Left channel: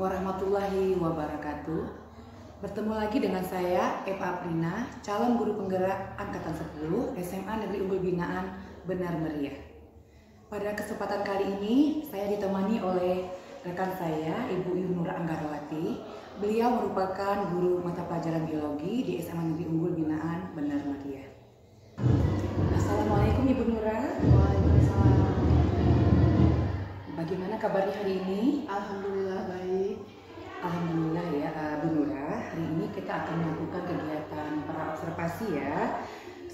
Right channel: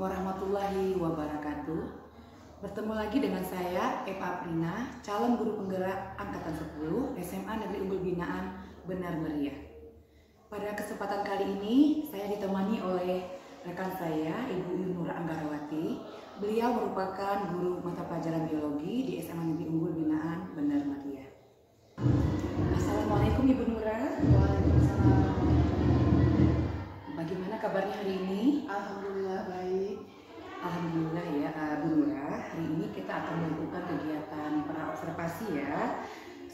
warahmatullahi wabarakatuh. Bertemu lagi dengan saya, Eva Aprina, calon guru penggerak Angkatan 10 SMA Negeri Unggul Binaan Benar Meriah. Pada kesempatan kali ini, saya ditemani oleh rekan saya, Ibu Yunura Anggarawati. Beliau merupakan guru mata pelajaran biologi di SMA Negeri Unggul Binaan Benar Meriah. Assalamualaikum Ibu Nura. Waalaikumsalam. Bagaimana kabarnya hari ini? Alhamdulillah baik. Alhamdulillah ya Bu Nura. Hari ini kita akan melakukan kegiatan pra-observasi ya.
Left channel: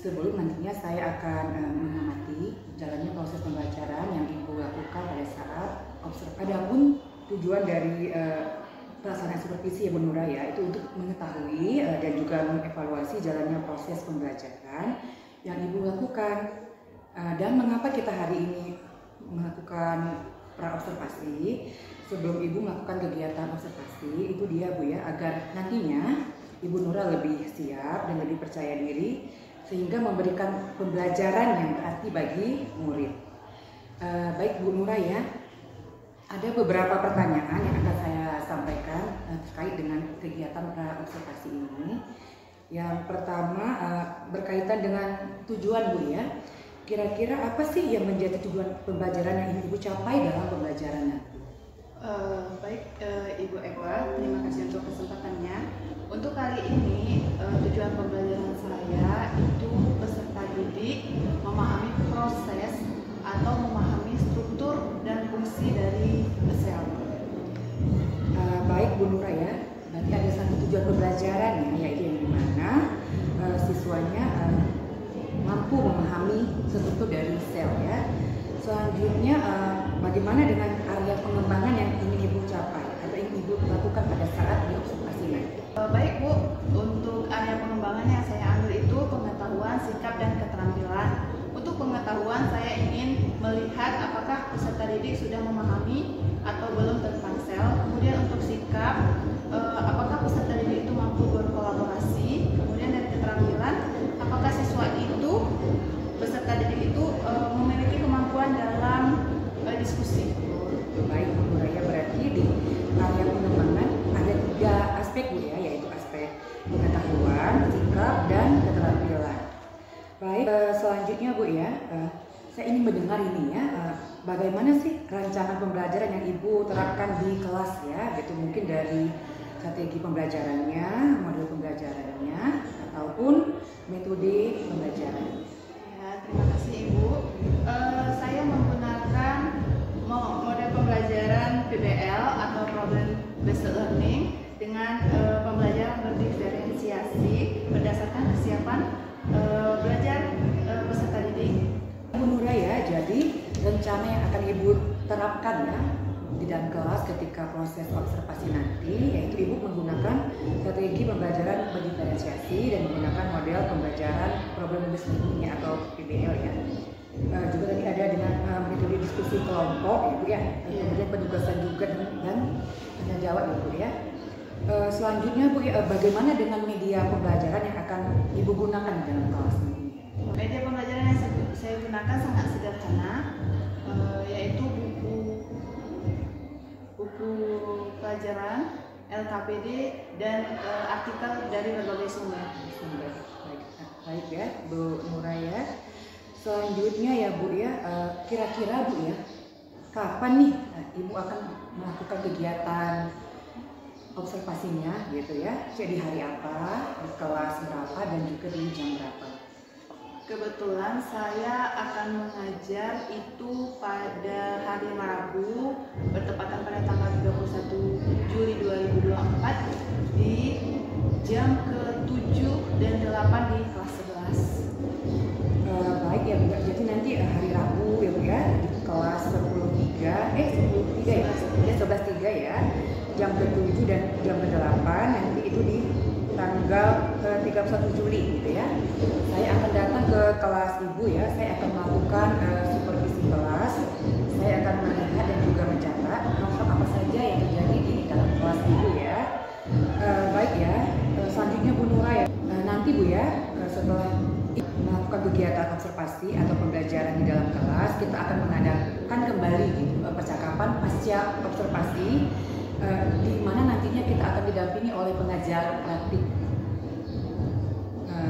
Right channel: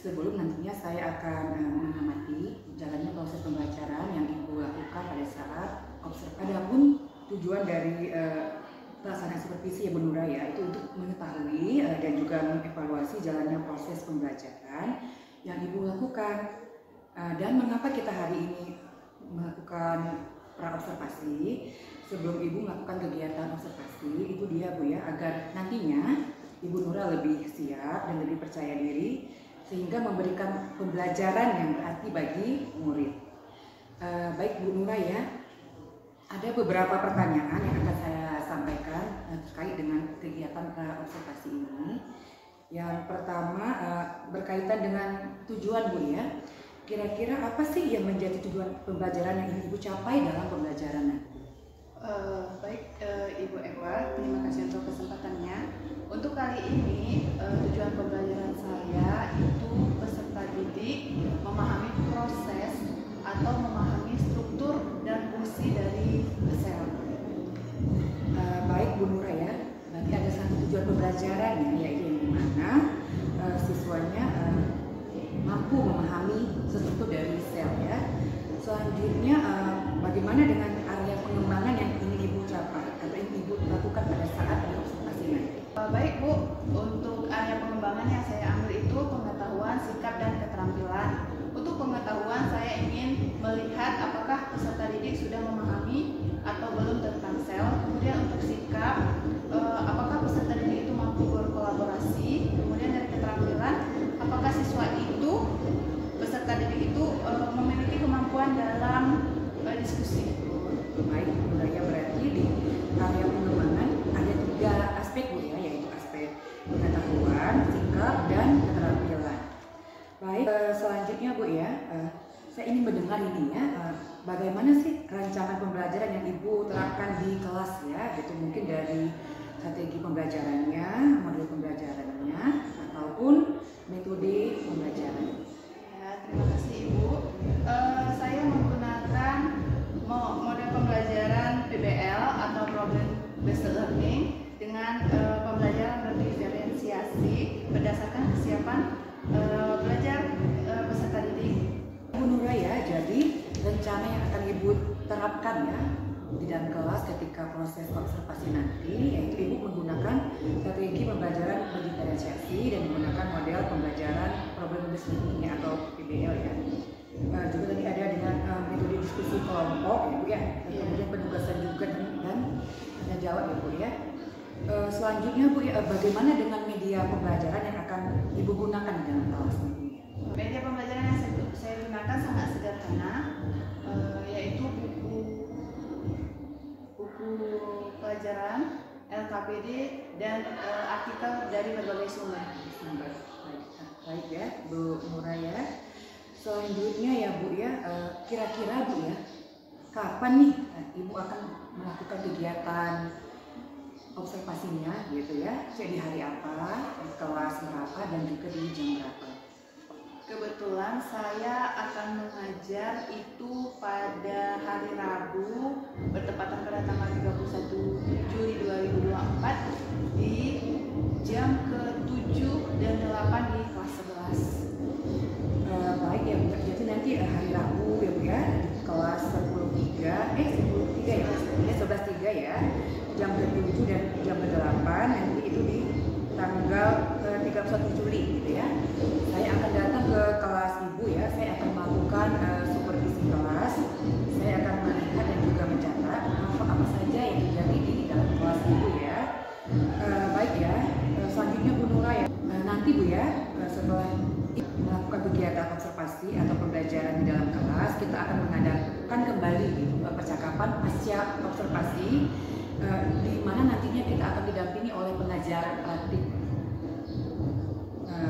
Sebelum nantinya saya akan mengamati jalannya proses pembelajaran yang Ibu lakukan pada saat observasi. Adapun tujuan dari pelaksanaan supervisi ya Bu Nura ya, itu untuk mengetahui dan juga mengevaluasi jalannya proses pembelajaran yang Ibu lakukan. Dan mengapa kita hari ini melakukan pra-observasi? Sebelum Ibu melakukan kegiatan observasi, itu dia Bu ya, agar nantinya Ibu Nura lebih siap dan lebih percaya diri sehingga memberikan pembelajaran yang berarti bagi murid. Baik Bu Nura ya, ada beberapa pertanyaan yang akan saya sampaikan terkait dengan kegiatan pra-observasi ini. Yang pertama berkaitan dengan tujuan Bu ya. Kira-kira apa sih yang menjadi tujuan pembelajaran yang Ibu capai dalam pembelajaran nanti? Baik Ibu Eva, terima kasih untuk kesempatannya. Untuk kali ini tujuan pembelajaran saya itu peserta didik memahami proses atau memahami struktur dan fungsi dari sel. Baik Bu Nura ya, berarti ada satu tujuan pembelajaran yaitu yang dimana siswanya mampu memahami struktur dari sel ya. Selanjutnya bagaimana dengan area pengembangan yang ingin Ibu capai atau ingin Ibu lakukan pada saat observasi nanti? Baik Bu, untuk area pengembangan yang saya ambil itu pengetahuan, sikap, dan keterampilan. Untuk pengetahuan saya ingin melihat apakah peserta didik sudah memahami atau belum tentang sel. Kemudian untuk sikap, apakah peserta didik itu mampu berkolaborasi. Kemudian dari keterampilan, apakah siswa itu, peserta didik itu memiliki kemampuan dalam diskusi. Baik Bu Nura ya, berarti di area pengembangan ada 3 aspek Bu ya, yaitu aspek pengetahuan, sikap, dan keterampilan. Baik, selanjutnya Bu ya, saya ingin mendengar ini ya, bagaimana sih rancangan pembelajaran yang Ibu terapkan di kelas ya, gitu mungkin dari strategi pembelajarannya, model pembelajarannya, ataupun metode pembelajaran. Ya, terima kasih Ibu. Saya menggunakan model pembelajaran PBL atau Problem Based Learning dengan pembelajaran berdiferensiasi berdasarkan kesiapan belajar peserta didik. Bu Nura ya, jadi rencana yang akan Ibu terapkan ya di dalam kelas ketika proses observasi nanti, yaitu Ibu menggunakan strategi pembelajaran berdiferensiasi dan menggunakan model pembelajaran problem based learning atau PBL ya. Juga tadi ada dengan metode diskusi kelompok Ibu ya, kemudian penugasan juga dan tanya jawab ya Bu ya. Selanjutnya Bu, bagaimana dengan media pembelajaran yang akan Ibu gunakan di dalam kelas ini? Media pembelajaran yang saya gunakan sangat sederhana, yaitu buku pelajaran, LKPD, dan artikel dari berbagai sumber. Baik ya Bu Nura ya. Selanjutnya ya Bu ya, kira-kira Bu ya, kapan nih Ibu akan melakukan kegiatan observasinya gitu ya? Jadi hari apa, di kelas berapa, dan juga di jam berapa? Kebetulan saya akan mengajar itu pada hari Rabu bertepatan pada tanggal 31 Juli 2024 di jam ke-7 dan 8 di kelas 11. Baik ya Bu, jadi nanti hari Rabu ya Bu ya, di kelas 11.3 ya, jam ke-7 dan jam ke-8, nanti itu di tanggal 31 Juli gitu ya. Saya akan datang ke kelas Ibu ya, saya akan melakukan supervisi kelas, saya akan melihat dan juga mencatat apa saja yang terjadi di dalam kelas Ibu ya. Baik ya, selanjutnya Bu Nura ya, nanti Bu ya, setelah melakukan kegiatan observasi atau pembelajaran di dalam kelas, kita akan mengadakan kembali percakapan pasca observasi di belajar praktik.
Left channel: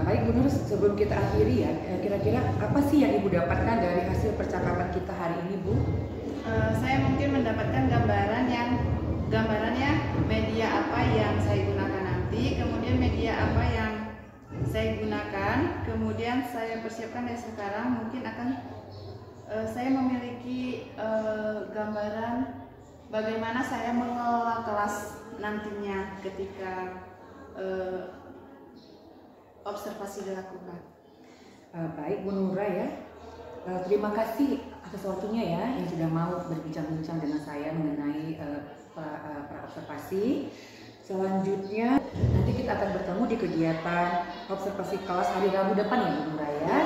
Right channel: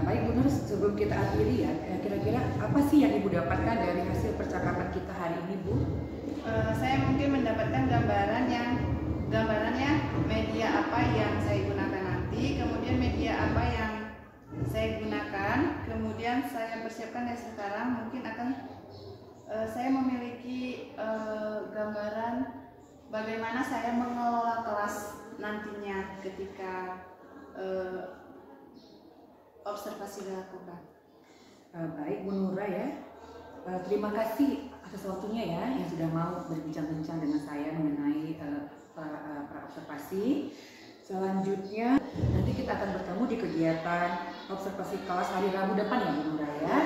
Baik Bu Nur, sebelum kita akhiri ya, kira-kira apa sih yang Ibu dapatkan dari hasil percakapan kita hari ini, Bu? Saya mungkin mendapatkan gambarannya media apa yang saya gunakan nanti, kemudian media apa yang saya gunakan, kemudian saya persiapkan dari sekarang. Mungkin akan saya memiliki gambaran bagaimana saya mengelola kelas nantinya ketika observasi dilakukan. Baik Bu Nura ya, terima kasih atas waktunya ya yang sudah mau berbincang-bincang dengan saya mengenai pra-observasi. Selanjutnya nanti kita akan bertemu di kegiatan observasi kelas hari Rabu depan ya Bu Nura ya.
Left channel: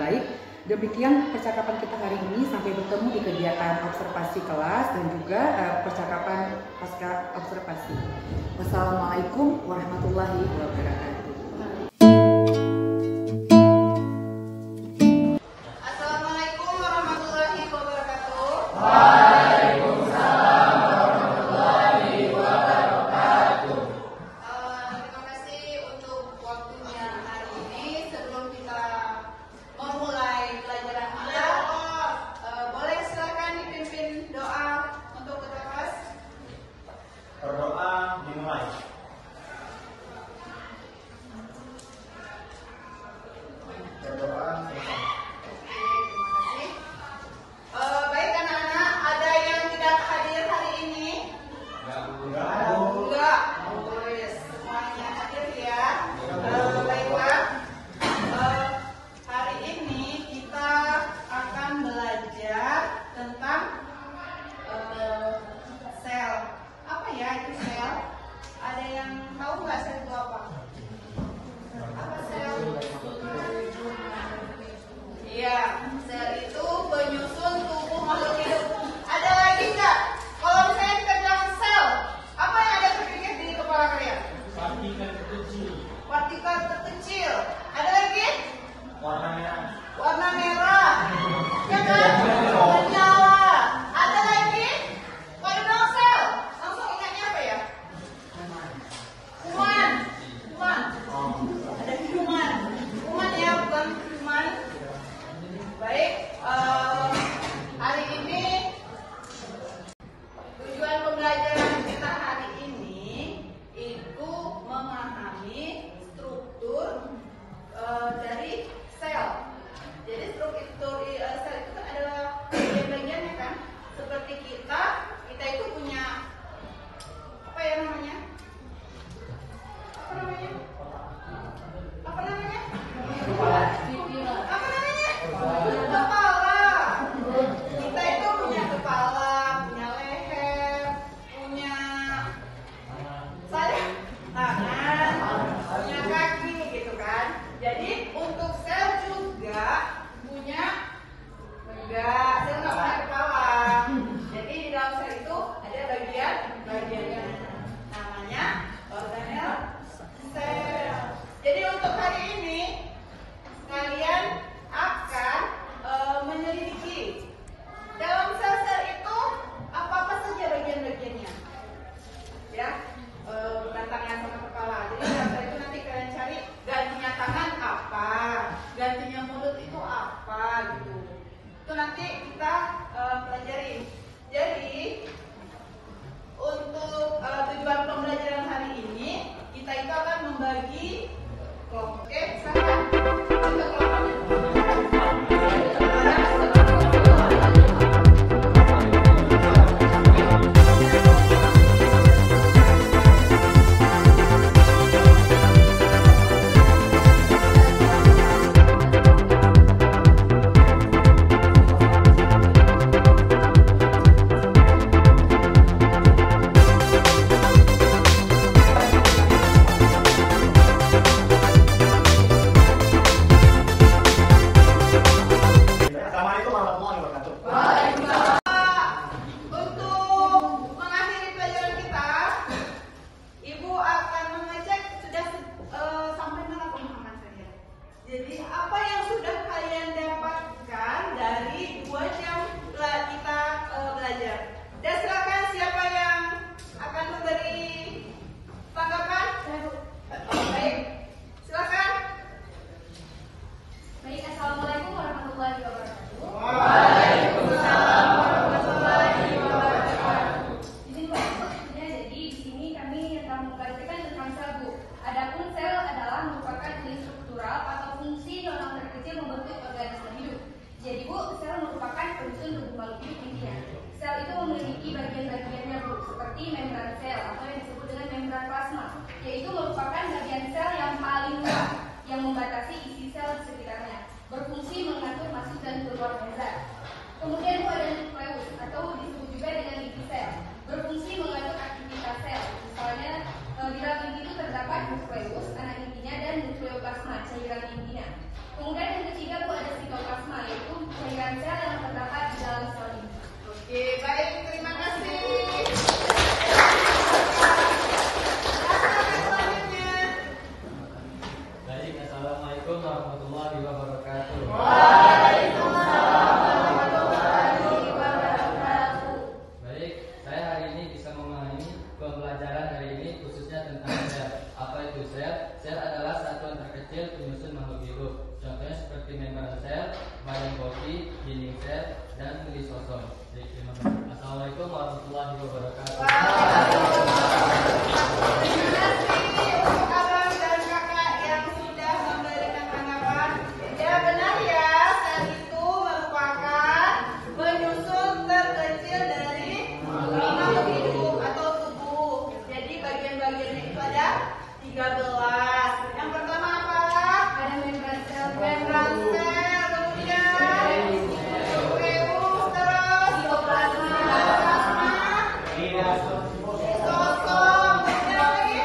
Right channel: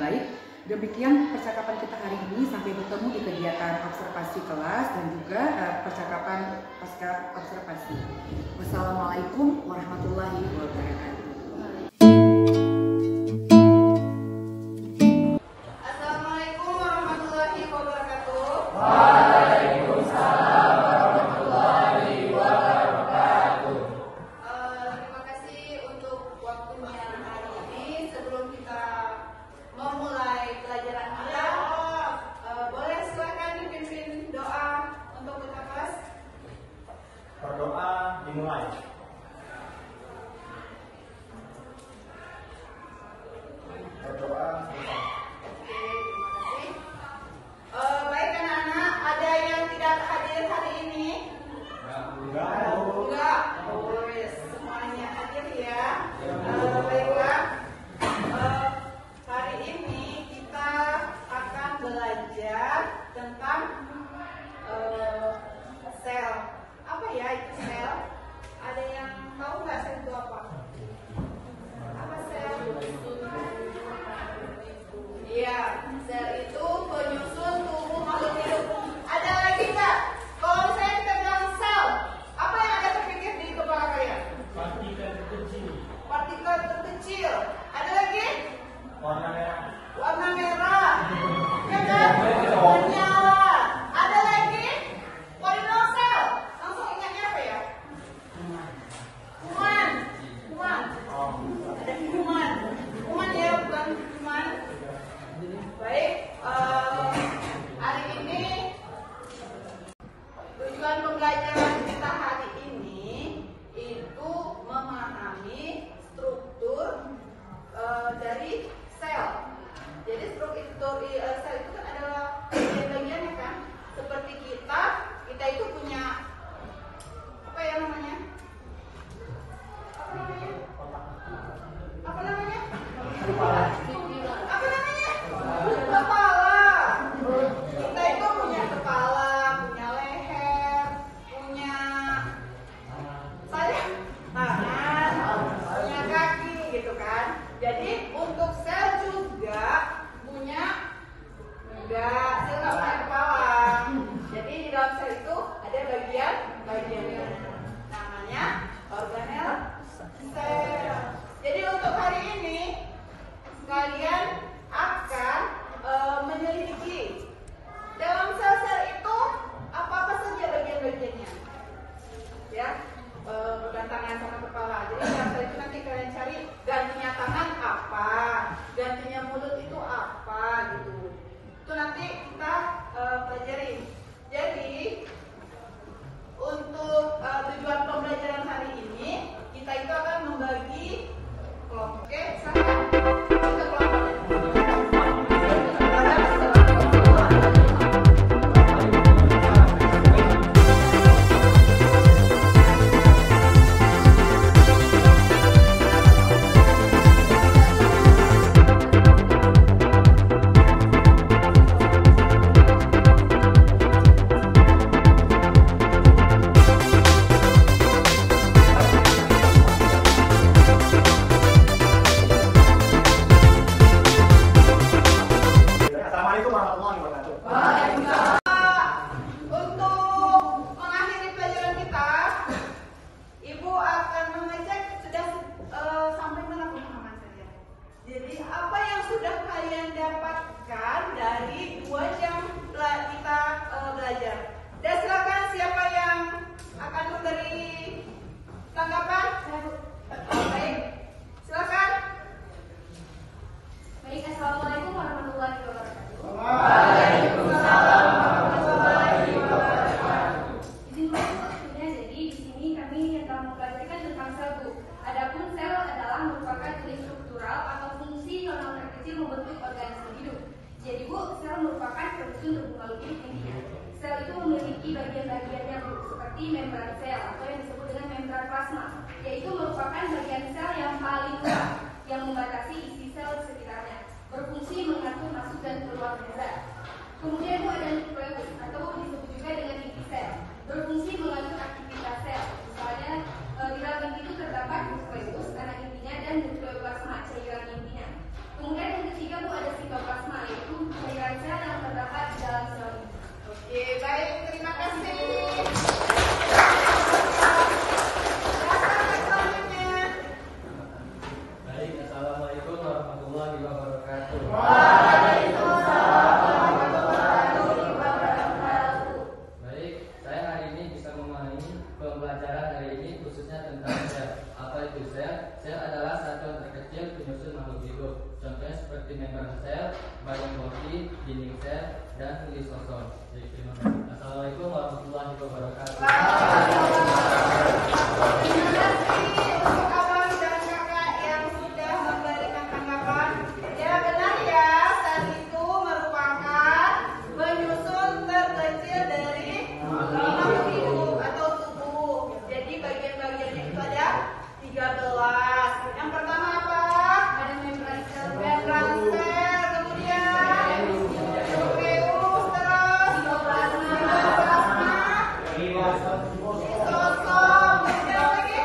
Baik, demikian percakapan kita hari ini. Sampai bertemu di kegiatan observasi kelas dan juga percakapan pasca observasi. Wassalamualaikum warahmatullahi wabarakatuh. Berdoa dimulai. Berdoa selesai. Baik anak-anak, ada yang tidak hadir hari ini? Enggak. Enggak. Semuanya hadir ya. Baiklah. Hari ini kita akan belajar tentang sel. Apa ya itu sel? Ada yang tahu nggak sel itu apa? Apa sel? Iya, sel itu penyusun tubuh makhluk hidup. Ada lagi nggak? Kalau misalnya kita bilang sel, apa yang ada terpikir di kepala kalian? Partikel terkecil. Partikel terkecil. Ada lagi? Warna merah. Warna merah. Ya kan? Bernyawa. Ada lagi? Kalau bilang sel, langsung ingatnya apa ya? Kuman. Kuman. Ada kuman. Kuman ya, bukan kuman. Baik, hari ini tujuan pembelajaran kita hari ini itu memahami struktur dari sel. Jadi struktur sel itu adalah bagian-bagiannya kan. Seperti kita itu punya apa ya namanya? Apa namanya? Apa namanya? Apa namanya? Kepala. Kita itu punya kepala, punya leher, punya membran sel atau yang disebut dengan membran plasma, yaitu merupakan bagian sel yang paling luas yang membatasi isi sel di sekitarnya, berfungsi mengatur masuk dan keluar membran. Kemudian itu ada nukleus atau disebut juga dengan inti sel, berfungsi mengatur aktivitas sel. Misalnya di dalam inti itu terdapat nukleus, anak intinya, dan nukleoplasma, cairan intinya. Kemudian yang ketiga Bu ada sitoplasma, yaitu cairan sel yang terdapat di dalam sel ini. Oke, baik, terima kasih. Baik, assalamualaikum warahmatullahi wabarakatuh. Baik, saya hari ini bisa memahami pembelajaran hari ini khususnya tentang sel. Apa itu sel? Sel adalah satuan terkecil penyusun makhluk hidup. Contohnya seperti membran sel, badan bodi, dinding sel, dan lisosom. Baik, terima kasih. Assalamualaikum warahmatullahi wabarakatuh. Untuk abang dan kakak yang sudah memberikan tanggapan, ya benar ya, sel itu merupakan penyusun terkecil dari makhluk hidup atau tubuh. Jadi bagian-bagiannya itu ada 13. Yang pertama apa? Ada membran sel, Membran sel, kemudian nukleus, terus sitoplasma, lisosom, kemudian lagi